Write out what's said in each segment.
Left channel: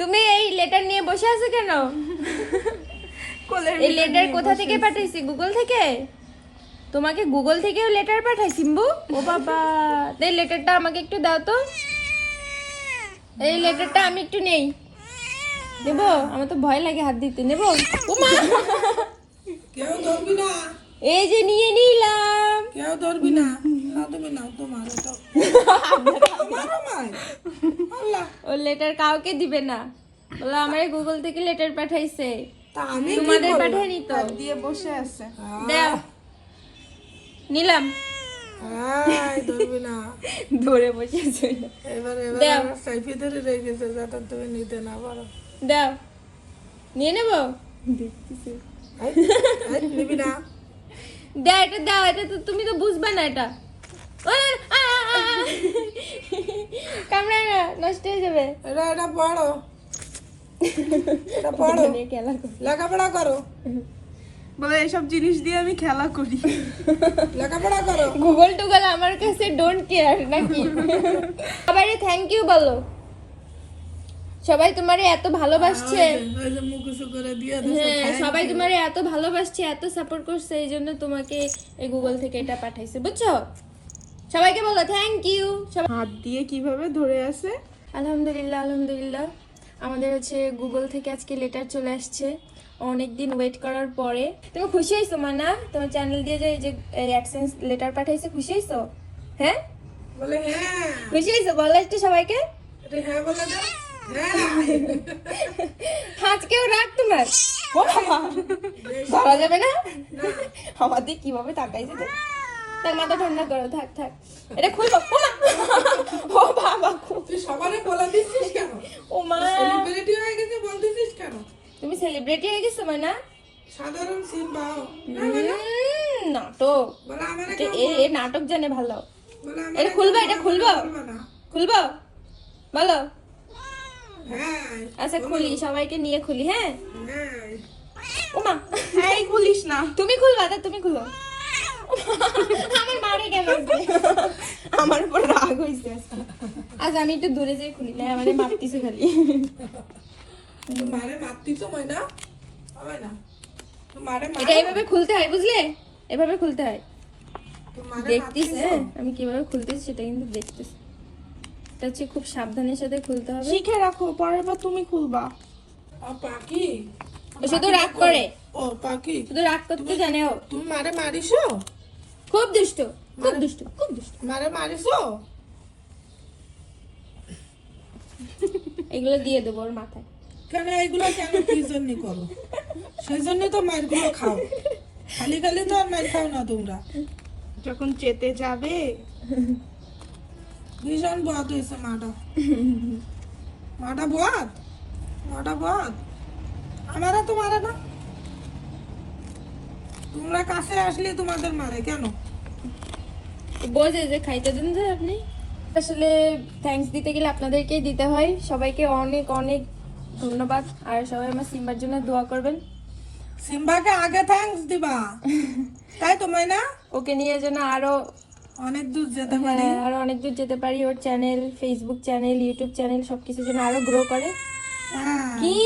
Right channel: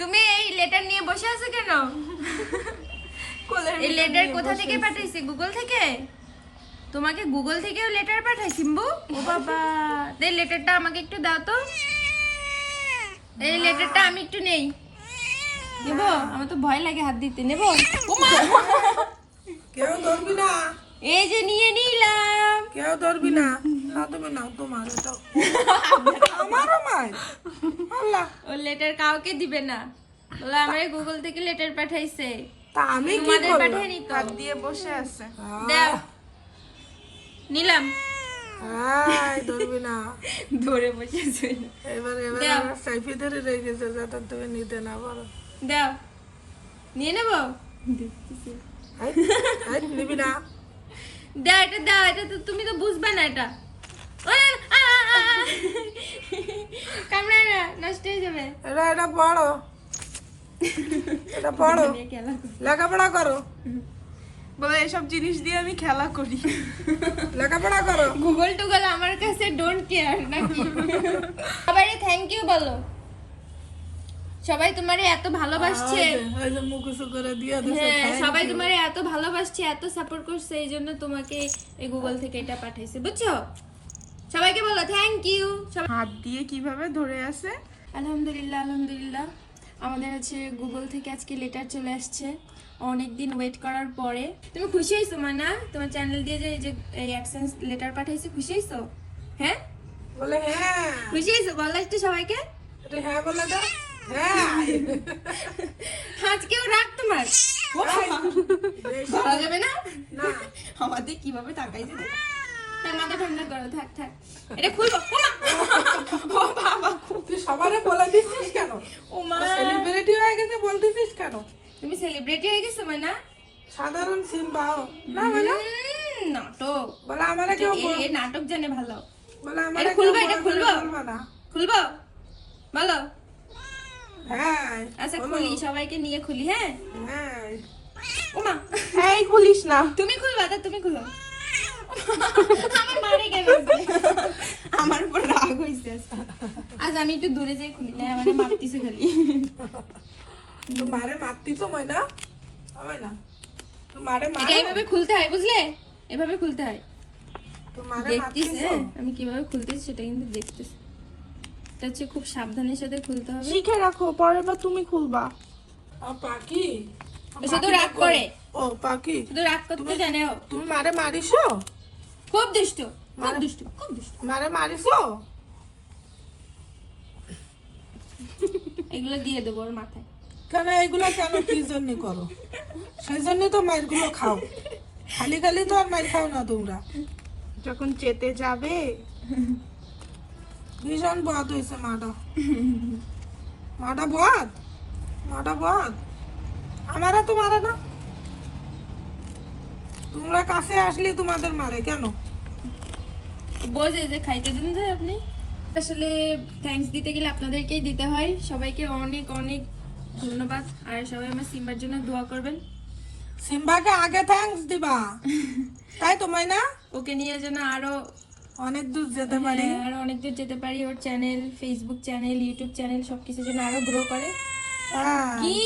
তুমি এই লেটার নিয়ে বসে আছো কেন? এই লেটার কোথা থেকে। পাঠাইছি? গুগল থেকে? তোমাকে গুগল থেকেও লেটার পাঠাই সিম্বু ও বাবা। এই লেটারটা আমাকে একটু দাও তো। এই লেটারটা আমি একটু নেই। নেব? আমার তো ভয় লাগে হাত দিতে। নেব? এই যে নিয়ে নিলাম। কেউ ধরবি না? না তুমি নাও তোমার আমারও মাই আল্লাহ। ও লেটার কাউকে দিবে না। বলো আমার গুগল থেকে লেটার পাঠাইছে। তা আমি তোমাদের দিত হাত দিয়ে বসে আছে। দাও। নিলাম। এই ধরবি না। ধরে বসেছে এবার এবার সাইফি ধরে রেখেছে যাতে তুমি নিতে না পারো। দাও। নিয়ে নেব? নিবি না। দাও এটা দাও এটা তো তুমি তো বুঝবে না এটা। না নষ্ট হয়ে যাবে। এটা এটা পড়ো। এটা পড়ো। লেখাপড়া করো। বলে এসব জিনিস দিয়ে আমি খেলা করি। লেখাপড়া করো। গুগল টুগল আমার কাছে ডোন্ট কেয়ার নাকি? সবাই থ্যাংক ইউ বলো। সবাই তোমারে এত ভালোবাসছে। হ্যাঁ সবাই তোমারে এত ভালোবাসছে এত সাপোর্ট করছে এই জন্য তোমাকে এই গুগল থেকে এটা পাঠাইছে বুঝছ? সবাইকে বলো থ্যাংক ইউ হাত দিয়ে কীভাবে ধরে আছে? আলহামদুলিল্লাহ আলহামদুলিল্লাহ। আমাদের হচ্ছে গুগল থেকে আজকে লেটার চলে আসছে। অনেক দিন ওয়েট করার পরে। তুমি খুশি হয়েছো মানা? তোমার চ্যানেল দিয়ে যে এই যে অ্যাডসেন্স লেটার পাঠাইছে খুশি হয়েছো হ্যাঁ? বলে হ্যাঁ। খুশি হয়েছো বলো একটু সবাইকে। হ্যাঁ বলে আজকেও রাগ তোমার? ধরা যাবে না? আমাদের কীভাবে তাকাইছে। তার মাথা ঠান্ডা করো থাক থাক। এটা খুলবো ও বাবা তুই সবারে বলে দিচ্ছিস কেন? ও মা। সেলিব্রিটি হয়ে গেছে বলতেছিস কেন? তুমি সেলিব্রিটি হয়ে গেছো মানা? সাধারণ না উম, নাটক। বলে আমারে কেউ এ এ নাটক জানে ভালো। বলে আমারে খুলবা, এটা খুলবা? খুলবো। বলো। আচ্ছা খুলি সবাইকে নিয়ে খুলি হ্যাঁ? হ্যাঁ। ওমা। এই খুলিস না। তুমি খুলবা তা তুমি খুলো। আমার মারে গেল আমার উপর রাগ হয়েছে আজ আমি একটু দূরে যাই খুলি না আমার মারতিছে খালি। মারে তো ময়না হয় না। মারে মারে। এইভাবে খুলতে হয় বুঝলে? এভাবে খুলতে হয়। দেখতিস হ্যাঁ আমি কীভাবে খুলতেছি সেটা কিন্তু দেখতিস এটা হচ্ছে খুব সাবধানের সাথে খুলতে হবে। শিখে রাখো পরের বার তুমি খুলবা। আর পাখি? শুধু রাগ করে। ও পাখি? শুধু রাগ করতে জানে ও। তুমি মারে মারিছো খুব দুষ্ট খুব দুষ্ট খুব দুষ্ট। মারে মারিছো এগুলো দিয়ে দেবো ওর মাথায়। কেন এগুলো কেন কি জন্য করো? সেই জন্যই তো মারগুলো খাও। খালি খালি তো আর মার খাও না তোমরা। যখন চেতে যাবে ভীষণ বাদ হয়েছে মাটা। মাটা বাদ? মাটা বাদ? আমারা তো মারে না। তোমরা কাছে আসলে তোমাদের মারে কেন? বোঝে যে খাইতে দিন যে আপনি। আসলে থ্যাঙ্কস দিতে গেলে আপনাদেরকেই দিতে হয়। সবাইকে অনেক অনেক ধন্যবাদ। আর সবাই আমার সিম্বার জন্য দোয়া করবেন। সিম্বাকে আগে থ্যাঙ্কস দিবা। তাই তো না ওকে নিয়ে যেন আরও অনেক দূর যেতে পারি। আর অনেক দূর যেতে পারি। ওর channel Facebook channel YouTube channel সবকিছু যেন আরও গ্রো করে। হ্যাঁ। কি?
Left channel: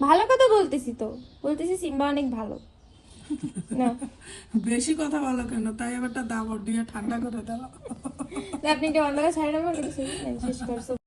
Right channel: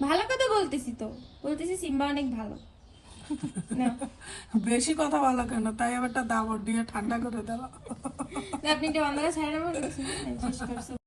ভালো কথা বলতেছি তো। বলতেছি সিম্বা অনেক ভালো। না। বেশি কথা বলো কেন? তাই আবার দাবর দিয়ে ঠান্ডা করে দাও। আপনি কি অন্ধকার ছাড়া শেষ করছ।